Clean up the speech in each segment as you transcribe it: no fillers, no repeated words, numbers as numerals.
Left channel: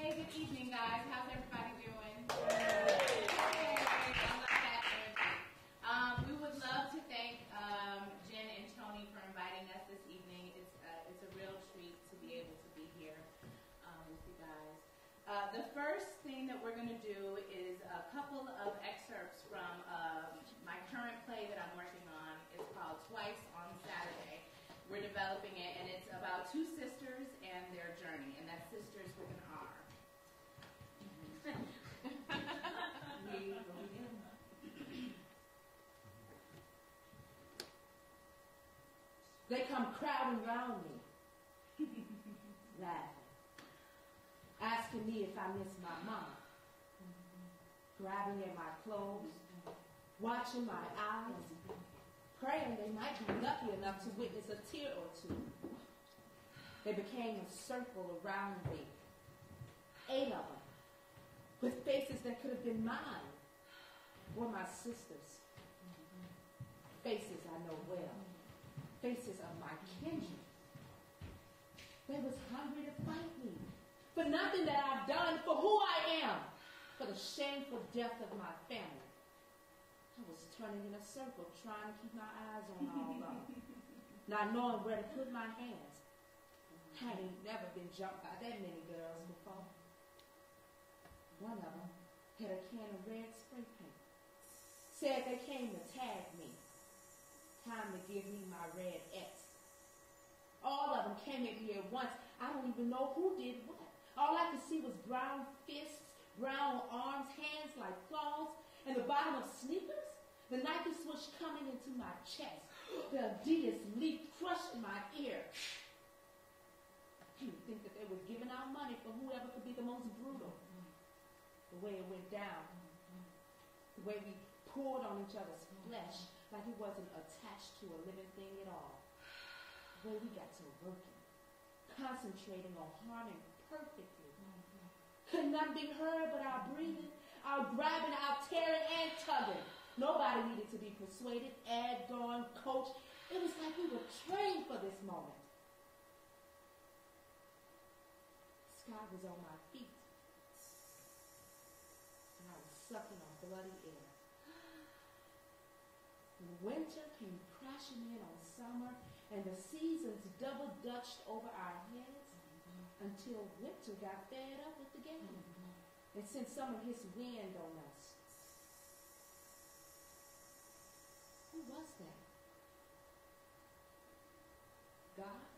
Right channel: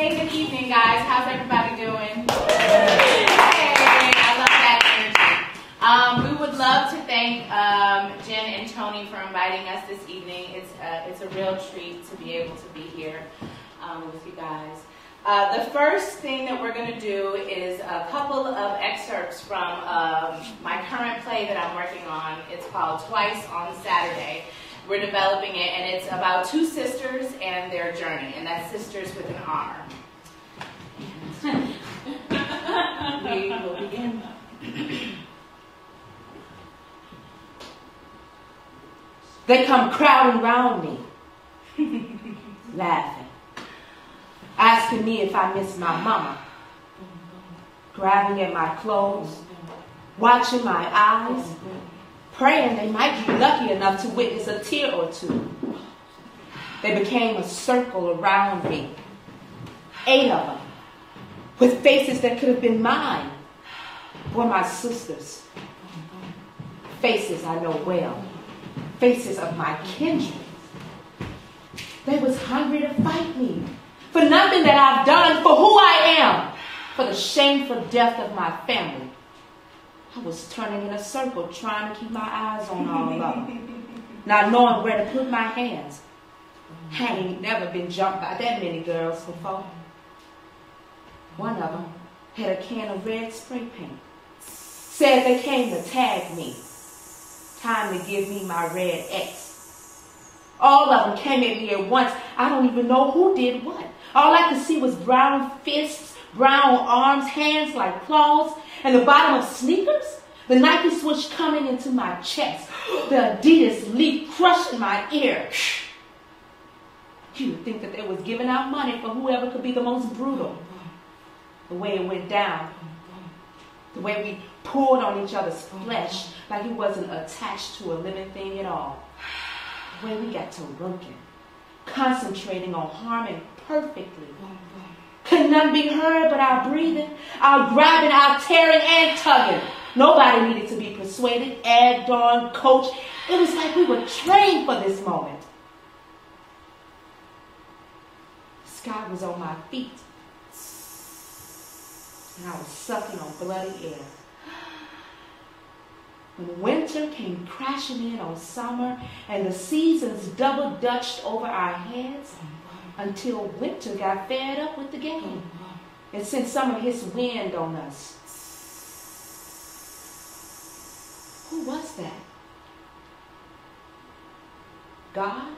Hey, good evening, guys. How's everybody doing? Hey, I love that energy. We would love to thank Jen and Tony for inviting us this evening. It's a real treat to be able to be here with you guys. The first thing that we're going to do is a couple of excerpts from my current play that I'm working on. It's called Twice on Saturday. We're developing it, and it's about two sisters and their journey, and that's sisters with an R. We will begin. They come crowding round me, laughing, asking me if I miss my mama, grabbing at my clothes, watching my eyes, praying they might be lucky enough to witness a tear or two. They became a circle around me, 8 of them, with faces that could have been mine, were my sisters. Faces I know well, faces of my kindred. They was hungry to fight me, for nothing that I've done, for who I am, for the shameful death of my family. I was turning in a circle, trying to keep my eyes on all of them, not knowing where to put my hands. I ain't never been jumped by that many girls before. One of them had a can of red spray paint. Said they came to tag me. Time to give me my red X. All of them came at me at once. I don't even know who did what. All I could see was brown fists, brown arms, hands like claws, and the bottom of sneakers, the Nike swoosh coming into my chest, the Adidas leaf crushing my ear. You would think that they was giving out money for whoever could be the most brutal. The way it went down, the way we pulled on each other's flesh like it wasn't attached to a living thing at all. The way we got to working, concentrating on harming perfectly. Could none be heard but our breathing, our grabbing, our tearing and tugging. Nobody needed to be persuaded, egged on, coached. It was like we were trained for this moment. The sky was on my feet, and I was sucking on bloody air. When winter came crashing in on summer, and the seasons double-dutched over our heads, until winter got fed up with the game and sent some of his wind on us. Who was that? God?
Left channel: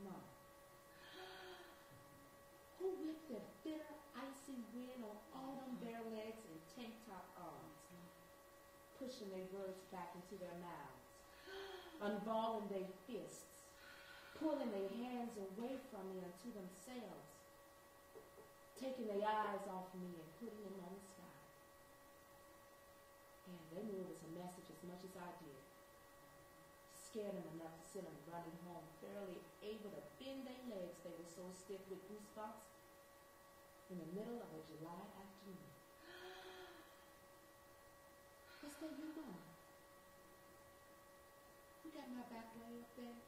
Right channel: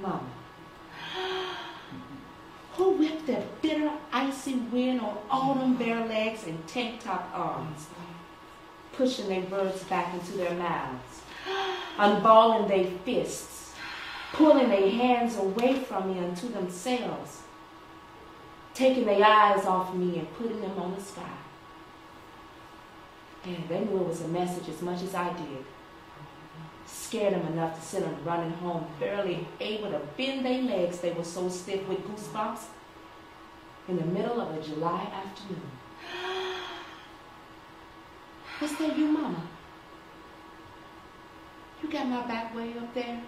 Mama. Who whipped that bitter, icy wind on all them bare legs and tank-top arms, pushing their birds back into their mouths, unballing their fists, pulling their hands away from me unto themselves, taking their eyes off me and putting them on the sky. And they knew it was a message as much as I did. Scared them enough to send them running home, barely able to bend their legs. They were so stiff with goosebumps in the middle of a July afternoon. Is that you, Mama? You got my back way up there?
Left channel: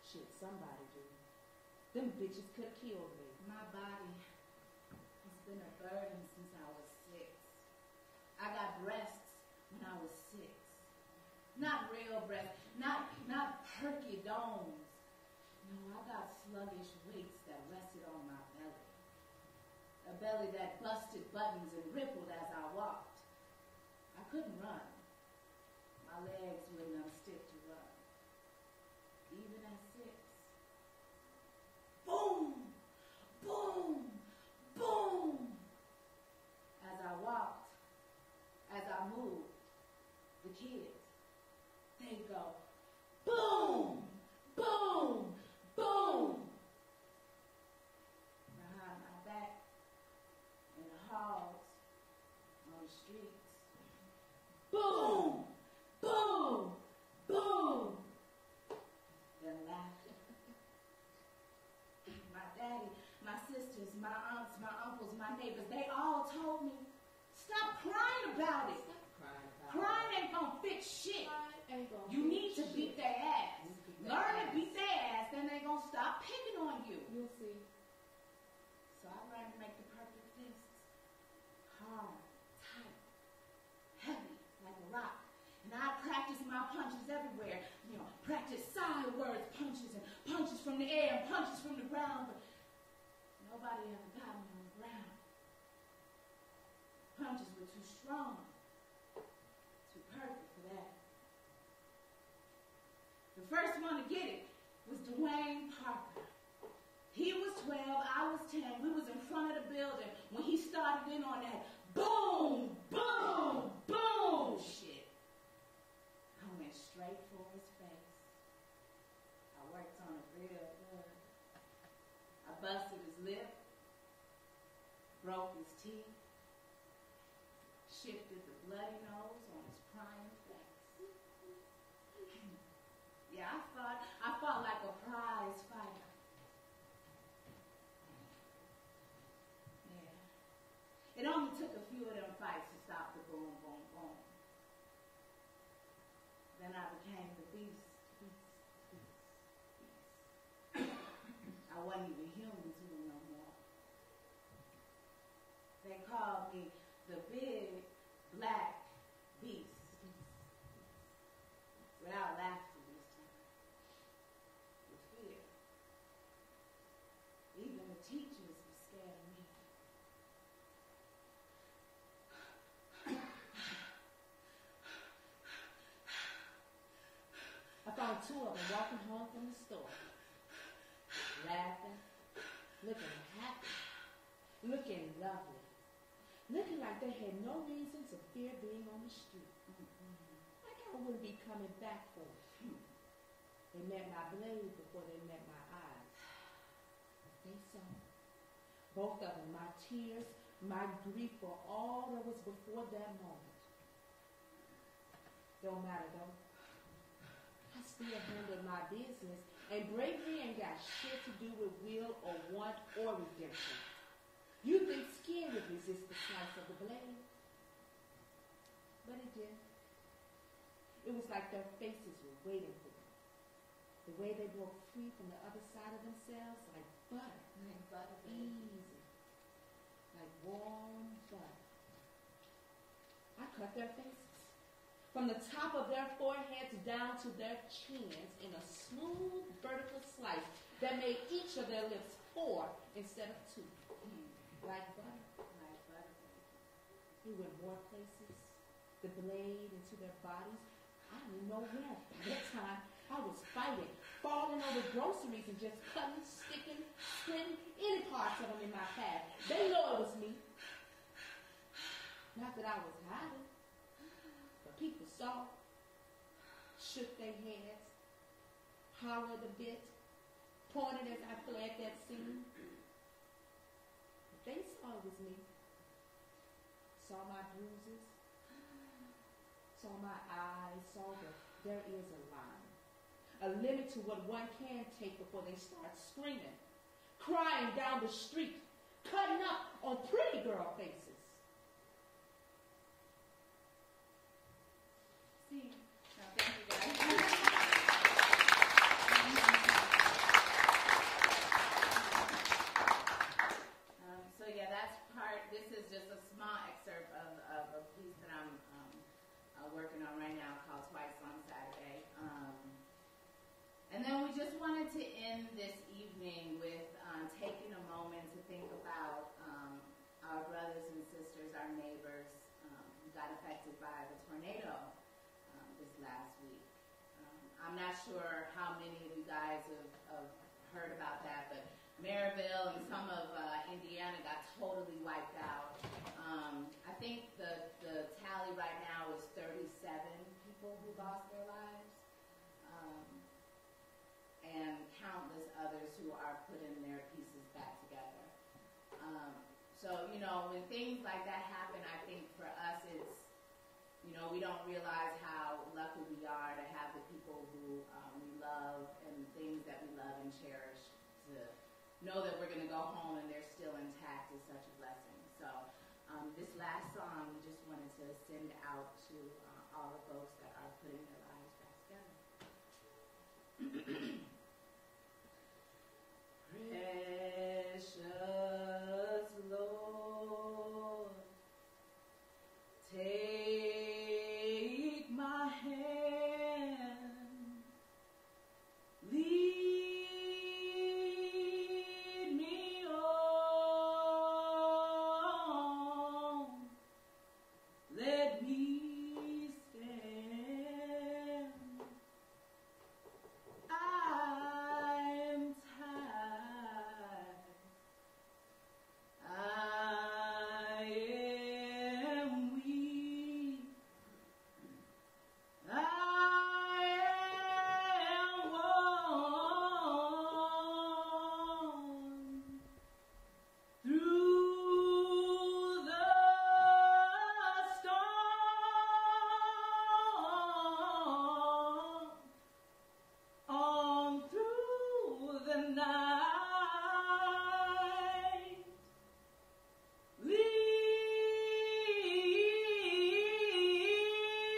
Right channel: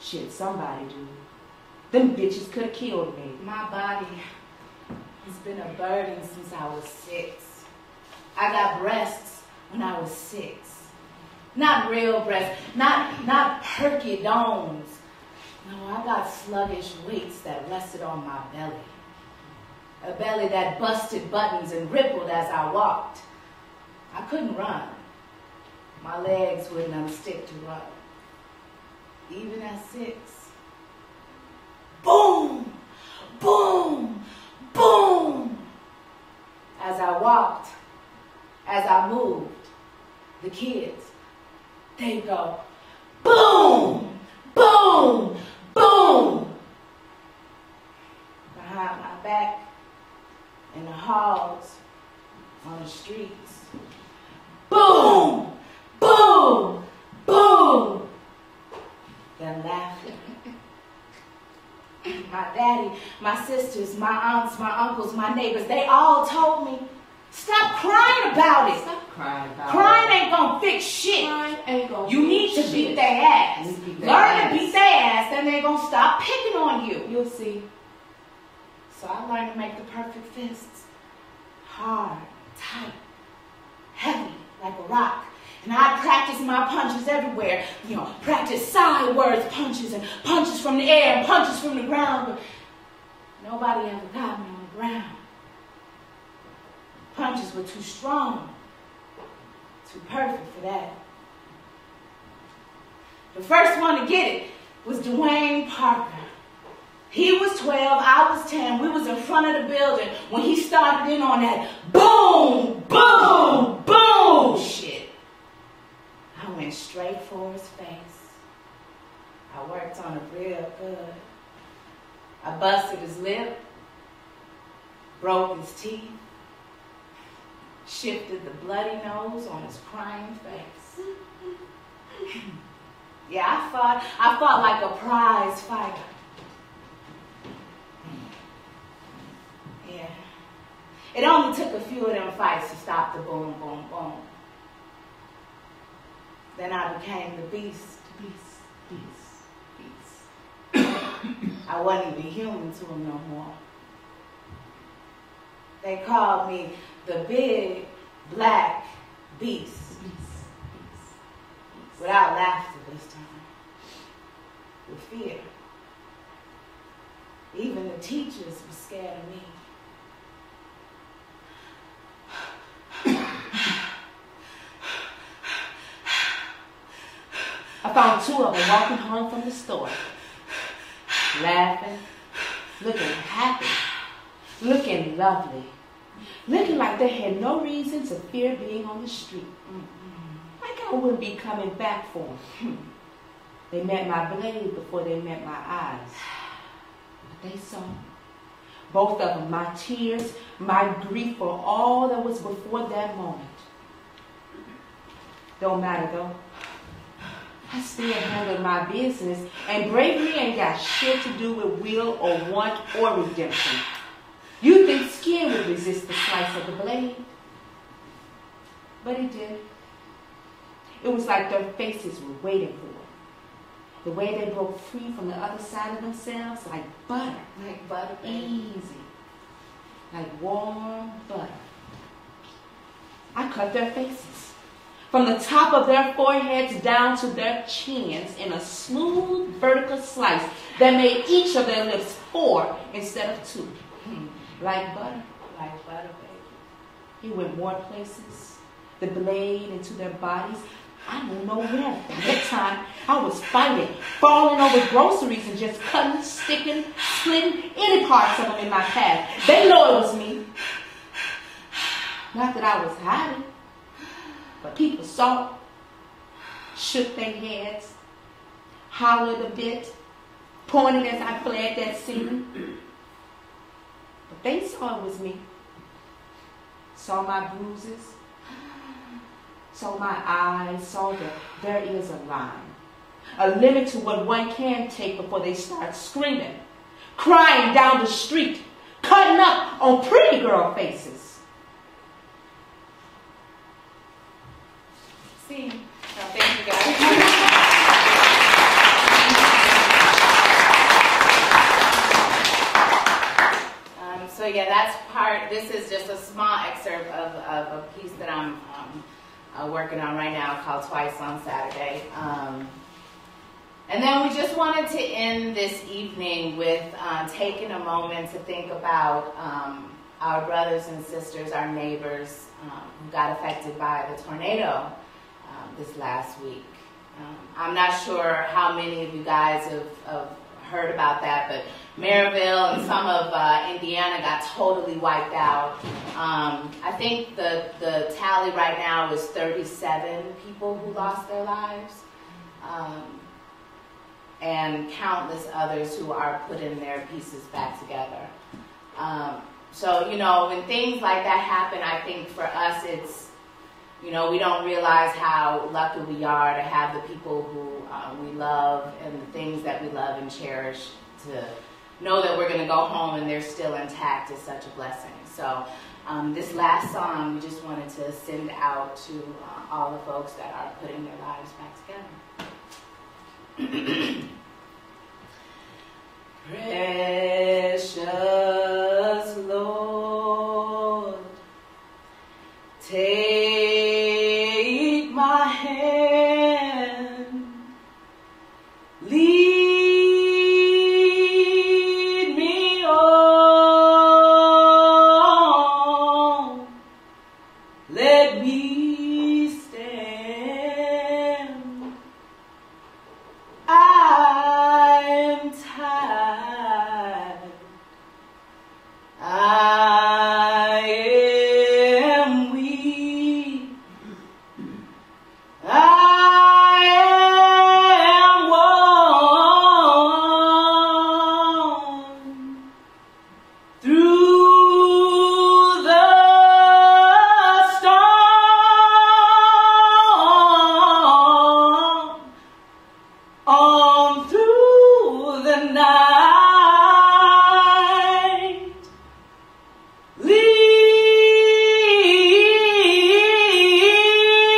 Shit, somebody do. Them bitches could have killed me. My body has been a burden since I was 6. I got breasts when I was 6. Not real breasts, not perky domes. No, I got sluggish weights that rested on my belly. A belly that busted buttons and rippled as I walked. I couldn't run. My legs wouldn't unstick to run. Even at 6. Boom, boom, boom. As I walked, as I moved, the kids, they go, boom, boom, boom. Behind my back, in the halls, on the streets. Boom, boom, boom. They're laughing. My daddy, my sisters, my aunts, my uncles, my neighbors, they all told me, stop crying about it. Stop crying about Crying ain't gonna fix shit. Crying ain't gonna You need to beat their ass. gonna stop picking on you. You'll see. So I learned to make the perfect fists. Hard, tight, heavy, like a rock. And I practiced my punches everywhere. You know, practice sideways punches and punches from the air and punches from the ground. But nobody ever got me on the ground. Punches were too strong, too perfect for that. The first one to get it was Dwayne Parker. He was 12, I was 10. We was in front of the building when he started in on that boom, boom, boom shit. I went straight for his face. I worked on it real good. I busted his lip, broke his teeth, shifted the bloody nose on his crying face. Yeah, I fought like a prize fighter. Yeah. It only took a few of them fights to stop the boom, boom, boom. Then I became the beast. I wasn't even human to him no more. They called me the big black beast. Without laughter this time. With fear. Even the teachers were scared of me. I found two of them walking home from the store. Laughing, looking happy, looking lovely, looking like they had no reason to fear being on the street. Like I wouldn't be coming back for them. They met my blade before they met my eyes. But they saw both of them, my tears, my grief for all that was before that moment. Don't matter though. I still handle my business, and bravery ain't got shit to do with will or want or redemption. You think skin would resist the slice of the blade? But it did. It was like their faces were waiting for it. The way they broke free from the other side of themselves, like butter. Like butter, Easy. Like warm butter. I cut their faces. From the top of their foreheads down to their chins in a smooth vertical slice that made each of their lips 4 instead of 2. Like butter. Like butter, baby. He went more places. The blade into their bodies. I don't know where. By that time, I was fighting, falling over groceries and just cutting, sticking, splitting any parts of them in my path. They know it was me. Not that I was hiding. But people saw, shook their heads, hollered a bit, pointed as I fled that scene. But they saw it was me. Saw my bruises, saw my eyes, saw that there is a line, a limit to what one can take before they start screaming, crying down the street, cutting up on pretty girl faces. See. So thank you guys. So yeah, that's part. This is just a small excerpt of a piece that I'm working on right now called Twice on Saturday. And then we just wanted to end this evening with taking a moment to think about our brothers and sisters, our neighbors who got affected by the tornado this last week. I'm not sure how many of you guys have heard about that, but Maryville and some of Indiana got totally wiped out. I think the tally right now is 37 people who lost their lives, and countless others who are putting their pieces back together. So, you know, when things like that happen, I think for us it's, you know, we don't realize how lucky we are to have the people who we love and the things that we love and cherish. To know that we're going to go home and they're still intact is such a blessing. So this last song, we just wanted to send out to all the folks that are putting their lives back together. Precious Lord, take my hand, lead me on, let me stand. I'm tired, I am weak, I am worn through the storm, on through the night.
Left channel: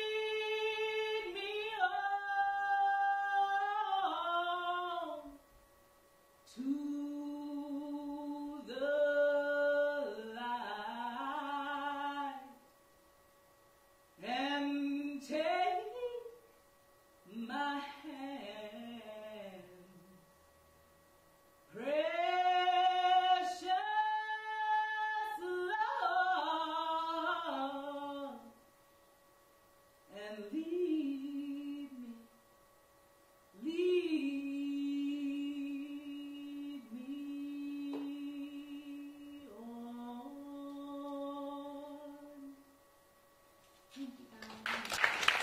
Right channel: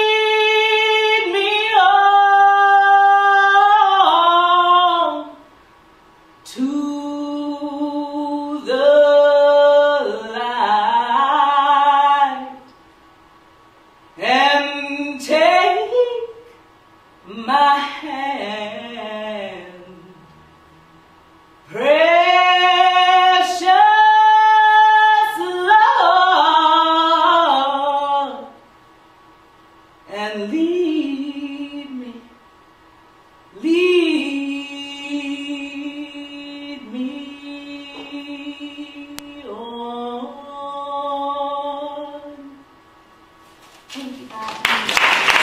Lead me on to the light and take my hand. Precious Lord, and lead me on. Thank you, God.